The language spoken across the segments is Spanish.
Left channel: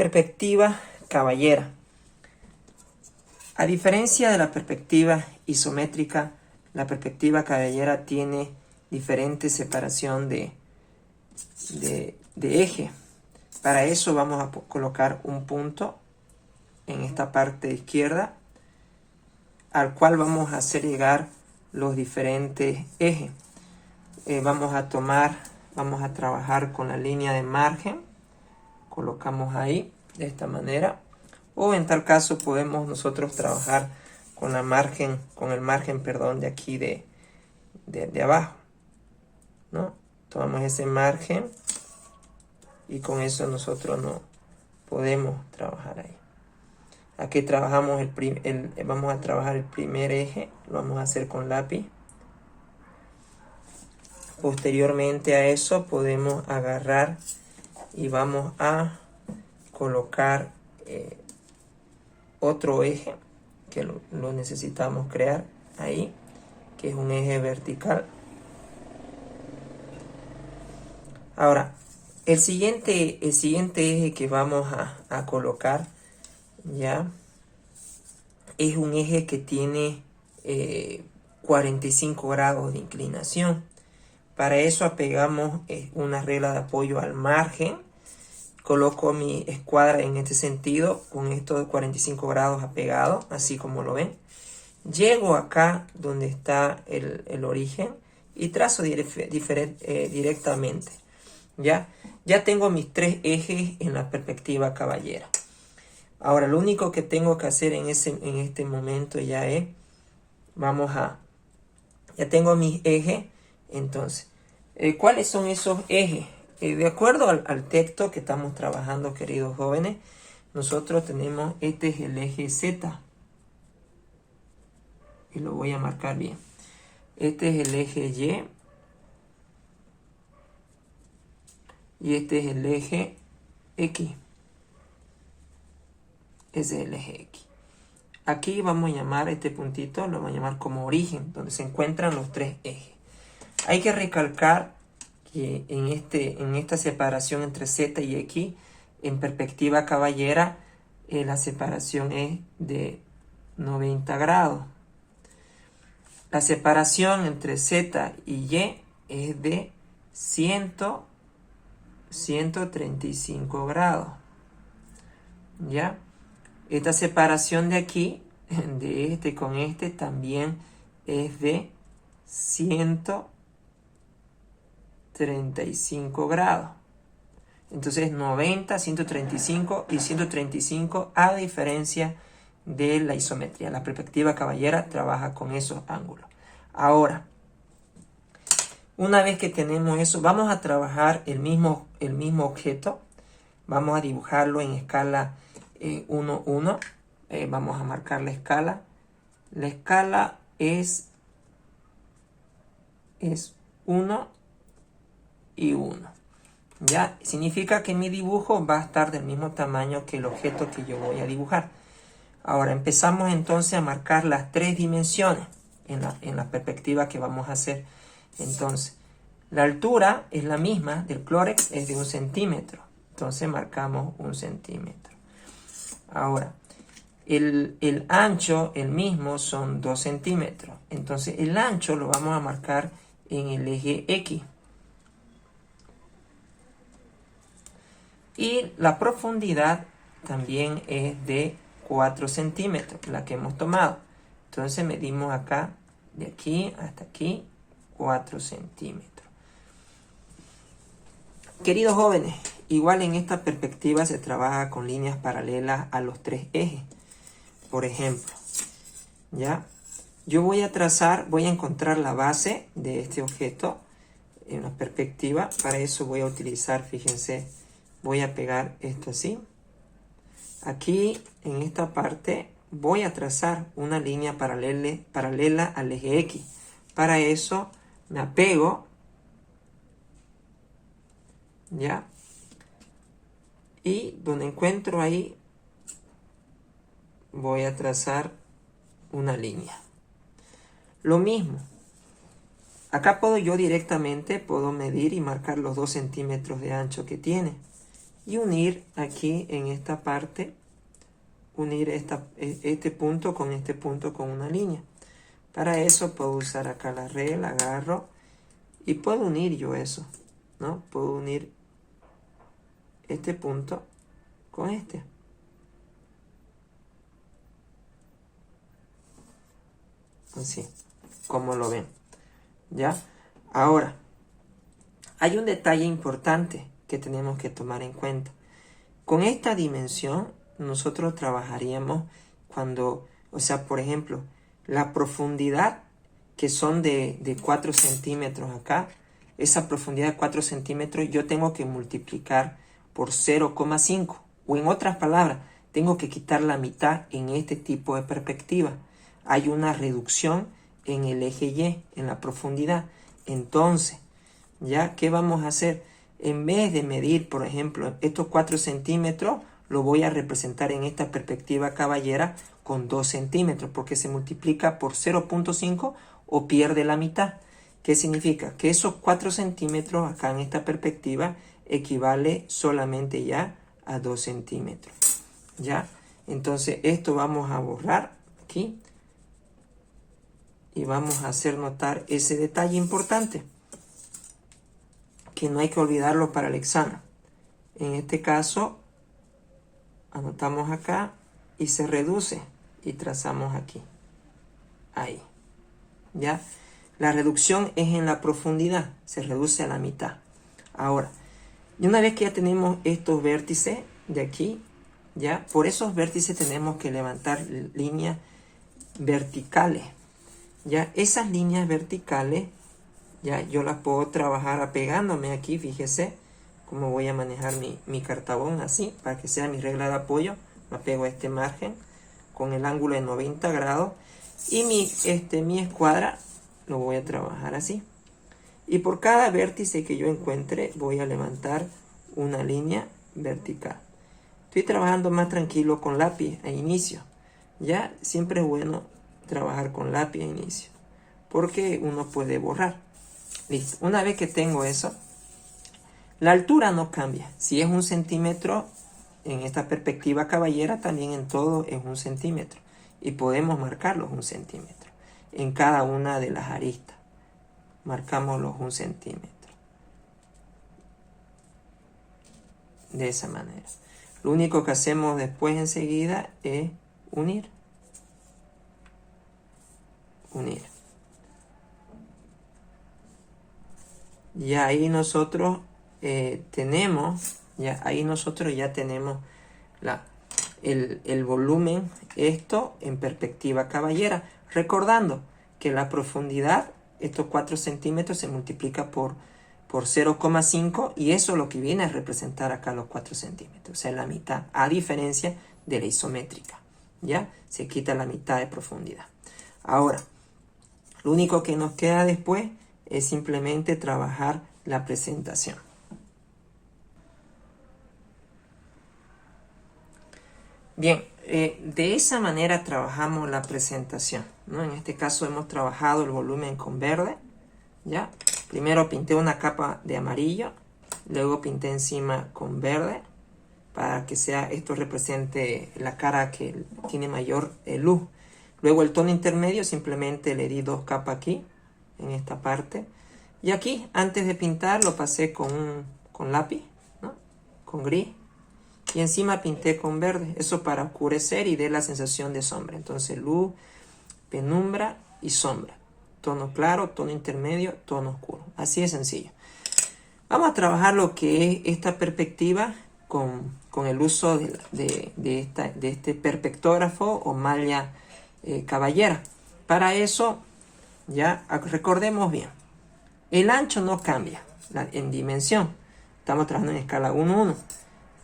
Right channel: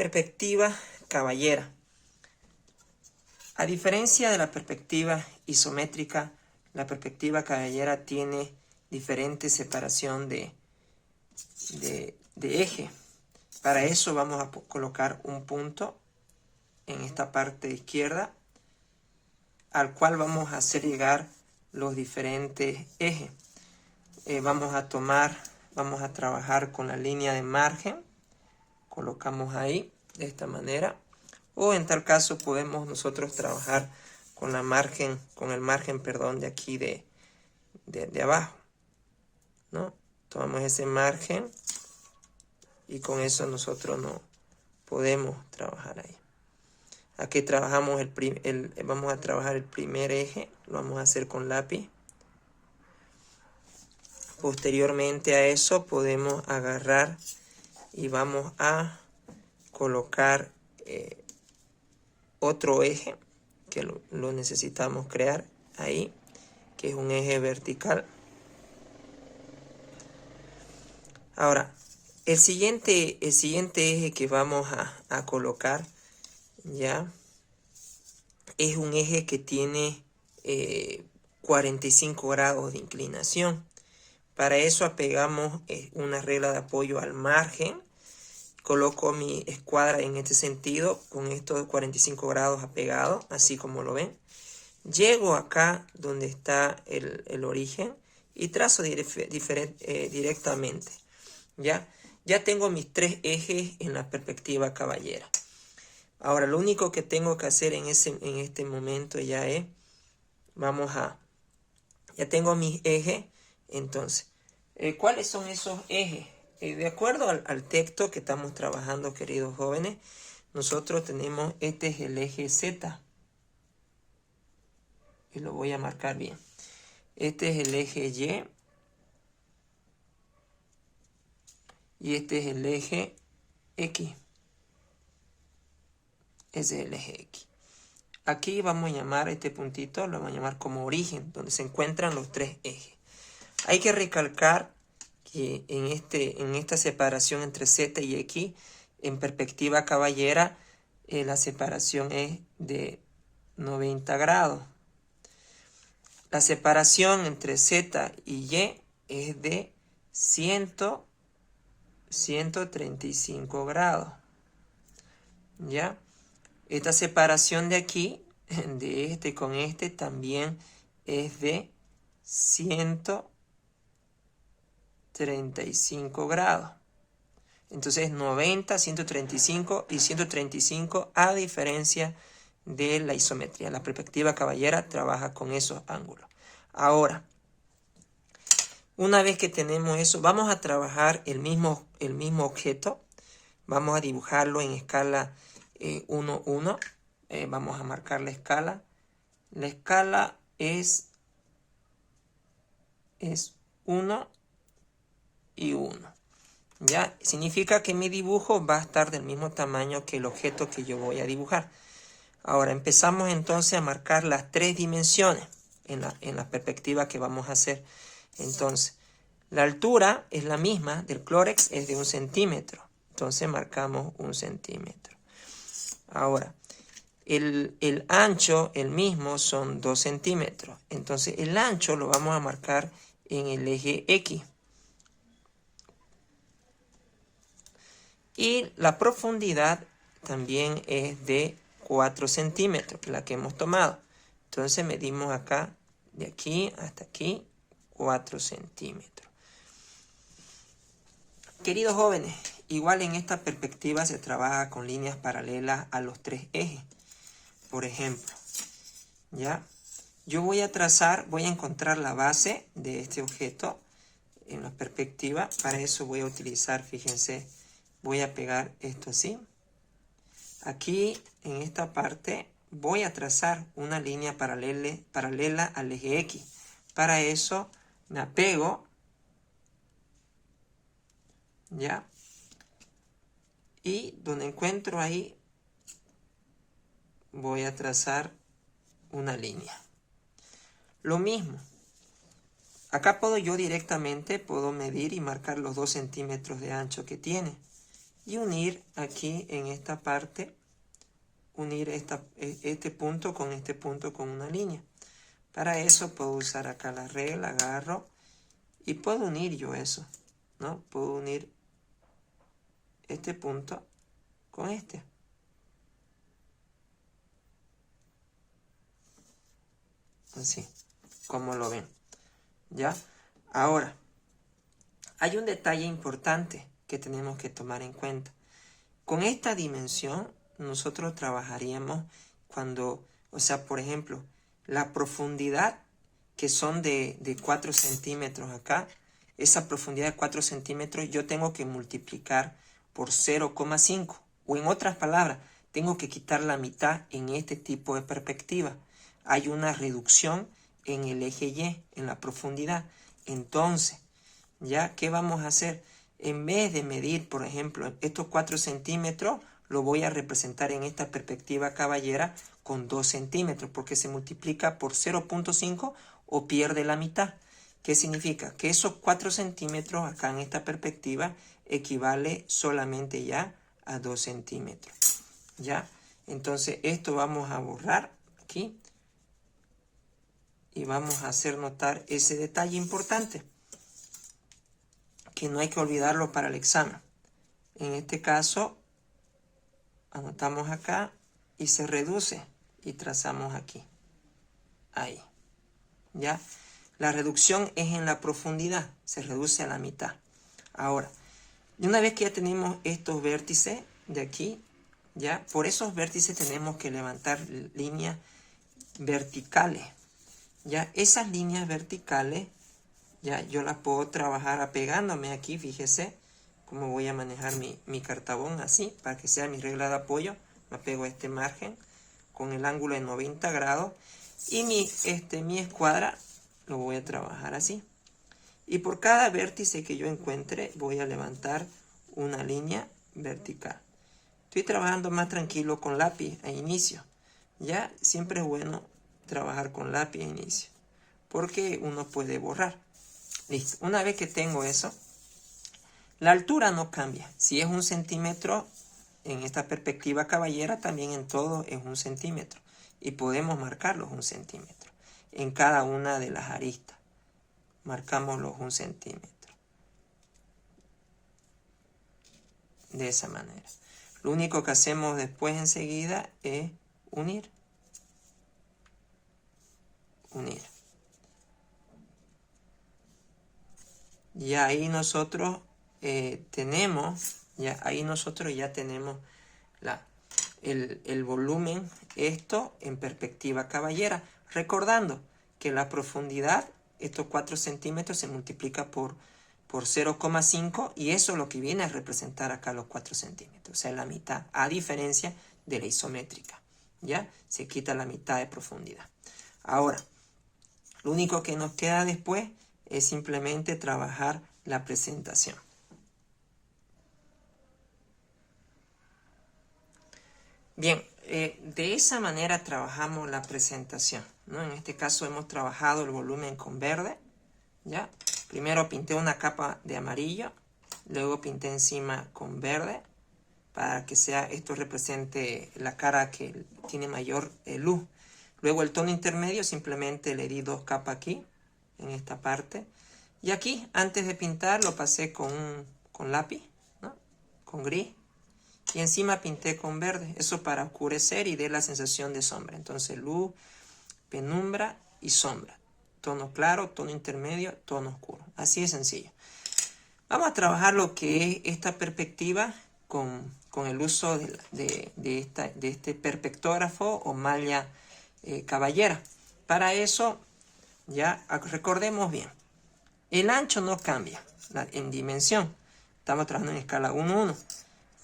Perspectiva caballera. A diferencia de la perspectiva isométrica, la perspectiva caballera tiene diferente separación de eje. Para eso vamos a colocar un punto en esta parte izquierda, al cual vamos a hacer llegar los diferentes ejes. Vamos a trabajar con la línea de margen. Colocamos ahí de esta manera, o en tal caso podemos nosotros trabajar con el margen de aquí de abajo, ¿no? Tomamos ese margen y con eso nosotros no podemos trabajar ahí. Aquí trabajamos vamos a trabajar el primer eje, lo vamos a hacer con lápiz. Posteriormente a eso podemos agarrar y vamos a colocar otro eje que lo necesitamos crear ahí, que es un eje vertical. Ahora, el siguiente eje que vamos a colocar ya es un eje que tiene 45 grados de inclinación. Para eso apegamos una regla de apoyo al margen. Coloco mi escuadra en este sentido, con estos 45 grados apegados, así como lo ven. Llego acá donde está el origen y trazo directamente. Ya tengo mis tres ejes en la perspectiva caballera. Ahora, lo único que tengo que hacer en este momento ya es, ya tengo mis ejes. Entonces, ¿cuáles son esos ejes? De acuerdo al texto que estamos trabajando, queridos jóvenes, nosotros tenemos, este es el eje Z. Y lo voy a marcar bien. Este es el eje Y. Y este es el eje X. Ese es el eje X. Aquí vamos a llamar este puntito, lo vamos a llamar como origen, donde se encuentran los tres ejes. Hay que recalcar que en esta separación entre Z y X, en perspectiva caballera, la separación es de 90 grados. La separación entre Z y Y es de 135 grados. ¿Ya? Esta separación de aquí, de este con este, también es de 135 grados. Entonces 90, 135 y 135 a diferencia de la isometría. La perspectiva caballera trabaja con esos ángulos. Ahora, una vez que tenemos eso, vamos a trabajar el mismo objeto. Vamos a dibujarlo en escala 1, 1. Vamos a marcar la escala. La escala es 1 y 1. ¿Ya? Significa que mi dibujo va a estar del mismo tamaño que el objeto que yo voy a dibujar. Ahora empezamos entonces a marcar las tres dimensiones en la perspectiva que vamos a hacer. Entonces, la altura es la misma del clórex, es de 1 centímetro. Entonces marcamos 1 centímetro. Ahora, el ancho, el mismo, son 2 centímetros. Entonces, el ancho lo vamos a marcar en el eje X. Y la profundidad también es de 4 centímetros, la que hemos tomado. Entonces medimos acá, de aquí hasta aquí, 4 centímetros. Queridos jóvenes, igual en esta perspectiva se trabaja con líneas paralelas a los tres ejes. Por ejemplo, ¿ya? Yo voy a encontrar la base de este objeto en la perspectiva. Para eso voy a utilizar, fíjense, voy a pegar esto así. Aquí, en esta parte, voy a trazar una línea paralela al eje X. Para eso, me apego, ¿ya? Y donde encuentro ahí, voy a trazar una línea. Lo mismo. Acá puedo yo directamente, puedo medir y marcar los 2 centímetros de ancho que tiene. y unir aquí en esta parte, unir este punto con una línea. Para eso puedo usar acá la regla, agarro y puedo unir yo eso, ¿no? Puedo unir este punto con este. Así, como lo ven. ¿Ya? Ahora, hay un detalle importante que tenemos que tomar en cuenta. Con esta dimensión, nosotros trabajaríamos cuando, o sea, por ejemplo, la profundidad que son de 4 centímetros acá, esa profundidad de 4 centímetros yo tengo que multiplicar por 0,5. O en otras palabras, tengo que quitar la mitad en este tipo de perspectiva. Hay una reducción en el eje Y, en la profundidad. Entonces, ¿ya qué vamos a hacer? En vez de medir, por ejemplo, estos 4 centímetros, lo voy a representar en esta perspectiva caballera con 2 centímetros, porque se multiplica por 0,5 o pierde la mitad. ¿Qué significa? Que esos 4 centímetros acá en esta perspectiva equivale solamente ya a 2 centímetros. ¿Ya? Entonces esto vamos a borrar aquí y vamos a hacer notar ese detalle importante, que no hay que olvidarlo para el examen. En este caso, anotamos acá y se reduce y trazamos aquí. Ahí. ¿Ya? La reducción es en la profundidad, se reduce a la mitad. Ahora, y una vez que ya tenemos estos vértices de aquí, ya por esos vértices tenemos que levantar líneas verticales. Ya esas líneas verticales, ya yo las puedo trabajar apegándome aquí, fíjese cómo voy a manejar mi cartabón así, para que sea mi regla de apoyo. Me apego a este margen con el ángulo de 90 grados y mi escuadra lo voy a trabajar así. Y por cada vértice que yo encuentre voy a levantar una línea vertical. Estoy trabajando más tranquilo con lápiz a inicio. Ya siempre es bueno trabajar con lápiz a inicio, porque uno puede borrar. Listo. Una vez que tengo eso, la altura no cambia. Si es 1 centímetro, en esta perspectiva caballera también en todo es 1 centímetro. Y podemos marcarlos 1 centímetro en cada una de las aristas. Marcamos los 1 centímetro. De esa manera. Lo único que hacemos después enseguida es unir. Unir. Y ahí nosotros tenemos, ya tenemos el volumen, esto en perspectiva caballera. Recordando que la profundidad, estos 4 centímetros se multiplica por 0,5 y eso es lo que viene a representar acá los 4 centímetros, o sea, la mitad, a diferencia de la isométrica, ¿ya? Se quita la mitad de profundidad. Ahora, lo único que nos queda después es simplemente trabajar la presentación. Bien, de esa manera trabajamos la presentación, ¿no? En este caso hemos trabajado el volumen con verde, ¿ya? Primero pinté una capa de amarillo, luego pinté encima con verde, para que esto represente la cara que tiene mayor luz. Luego el tono intermedio, simplemente le di 2 capas aquí, en esta parte. Y aquí, antes de pintar, lo pasé con lápiz, ¿no? Con gris. Y encima pinté con verde. Eso para oscurecer y dé la sensación de sombra. Entonces, luz, penumbra y sombra. Tono claro, tono intermedio, tono oscuro. Así de sencillo. Vamos a trabajar lo que es esta perspectiva con el uso de este perspectógrafo o malla caballera. Para eso, ya recordemos bien, el ancho no cambia en dimensión. Estamos trabajando en escala 1:1.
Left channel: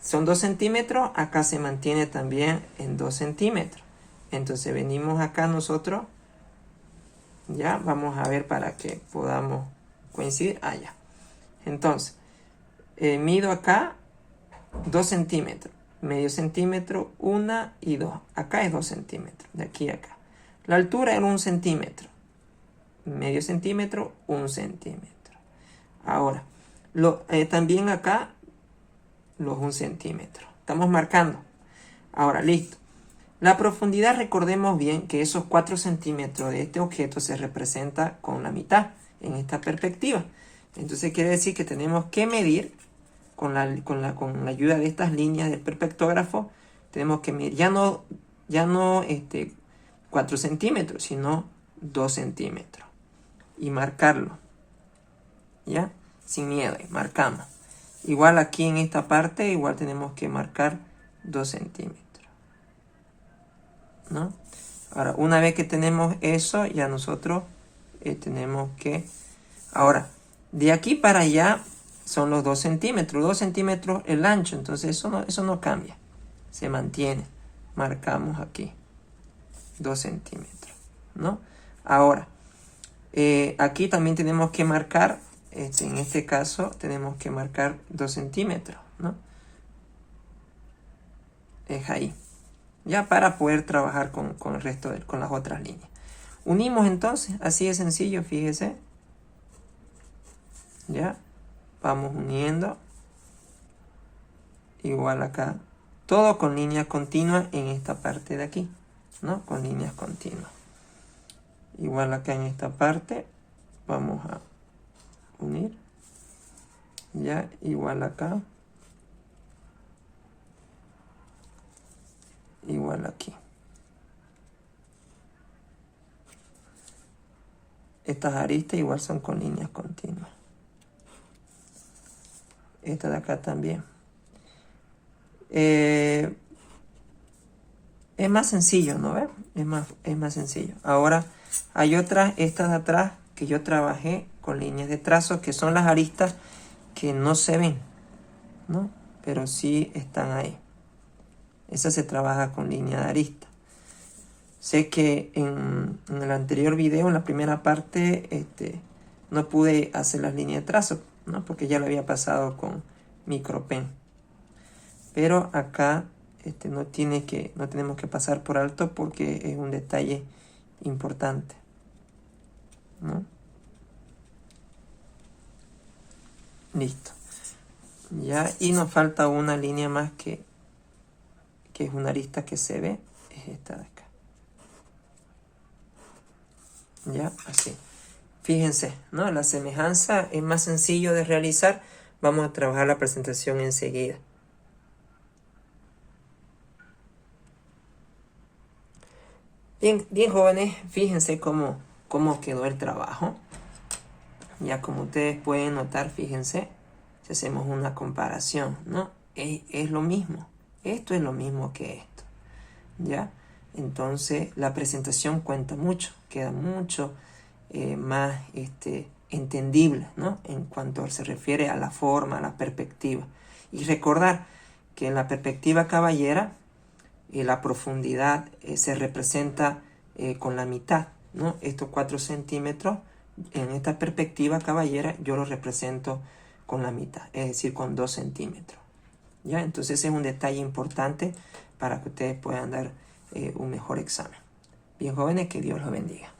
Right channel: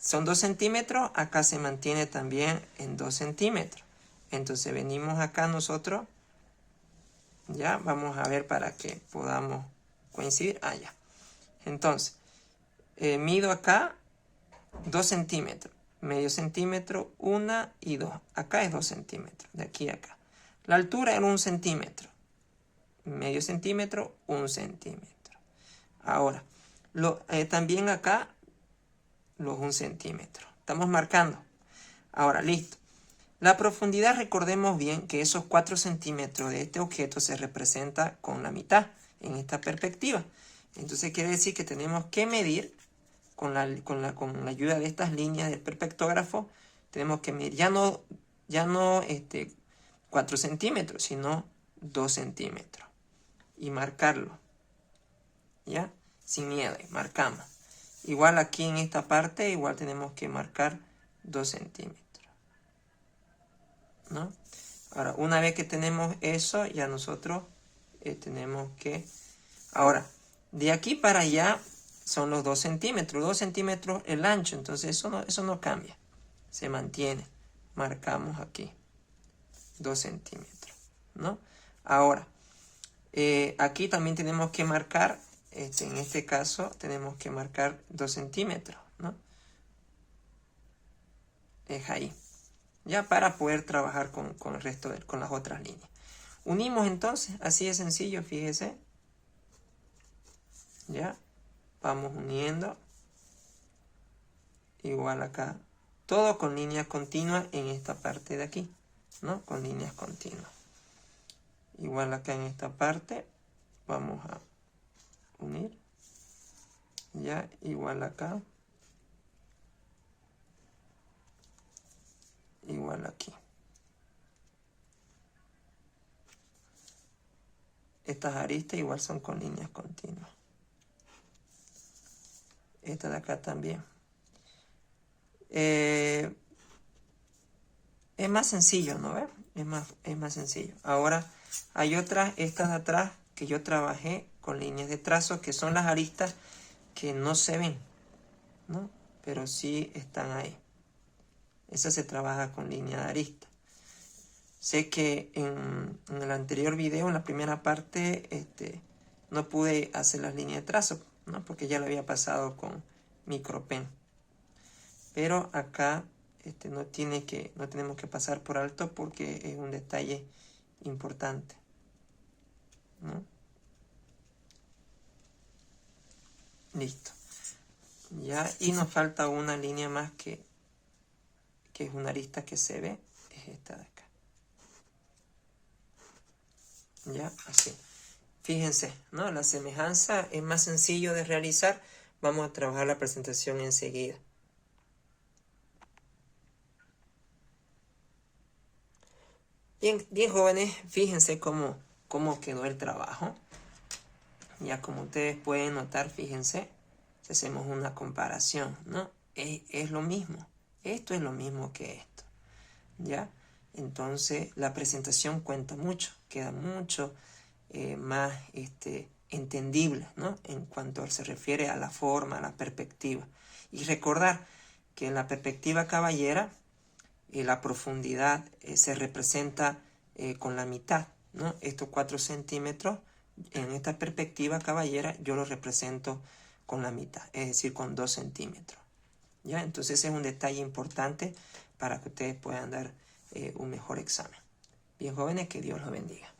Son 2 centímetros, acá se mantiene también en 2 centímetros. Entonces venimos acá nosotros, ya vamos a ver para que podamos coincidir allá. Entonces, mido acá 2 centímetros, medio centímetro, 1 y 2. Acá es 2 centímetros, de aquí a acá. La altura era 1 centímetro, medio centímetro, 1 centímetro. Ahora, también acá los 1 centímetro. Estamos marcando. Ahora, listo. La profundidad, recordemos bien que esos 4 centímetros de este objeto se representa con la mitad en esta perspectiva. Entonces quiere decir que tenemos que medir con la ayuda de estas líneas del perspectógrafo. Tenemos que medir ya no 4 centímetros, sino 2 centímetros. Y marcarlo. ¿Ya? Sin miedo, marcamos. Igual aquí en esta parte, igual tenemos que marcar 2 centímetros. ¿No? Ahora, una vez que tenemos eso, ya nosotros tenemos que... Ahora, de aquí para allá son los 2 centímetros. 2 centímetros el ancho, entonces eso no cambia. Se mantiene. Marcamos aquí. 2 centímetros. ¿No? Ahora, aquí también tenemos que marcar, en este caso, tenemos que marcar 2 centímetros. ¿No? Es ahí. Ya para poder trabajar con el resto, con las otras líneas. Unimos entonces, así de sencillo, fíjese. Ya, vamos uniendo. Igual acá. Todo con líneas continuas en esta parte de aquí, ¿no? Con líneas continuas. Igual acá en esta parte, vamos a unir. Ya, igual acá. Igual aquí. Estas aristas igual son con líneas continuas. Esta de acá también. Es más sencillo, ¿no ves? Es más sencillo. Ahora hay otras, estas de atrás, que yo trabajé con líneas de trazo, que son las aristas que no se ven, ¿no? Pero sí están ahí. Esa se trabaja con línea de arista. Sé que en el anterior video, en la primera parte, no pude hacer las líneas de trazo, ¿no? Porque ya lo había pasado con micropen. Pero acá no tenemos que pasar por alto porque es un detalle importante, ¿no? Listo. Ya, y nos falta una línea más que es una arista que se ve, es esta de acá. Ya, así. Fíjense, ¿no? La semejanza es más sencillo de realizar. Vamos a trabajar la presentación enseguida. Bien, bien jóvenes, fíjense cómo quedó el trabajo. Ya como ustedes pueden notar, fíjense, si hacemos una comparación, ¿no? Es lo mismo. Esto es lo mismo que esto. ¿Ya? Entonces la presentación cuenta mucho, queda mucho más entendible, ¿no? En cuanto se refiere a la forma, a la perspectiva. Y recordar que en la perspectiva caballera la profundidad se representa con la mitad, ¿no? Estos 4 centímetros en esta perspectiva caballera yo lo represento con la mitad, es decir, con 2 centímetros. ¿Ya? Entonces es un detalle importante para que ustedes puedan dar un mejor examen. Bien jóvenes, que Dios los bendiga.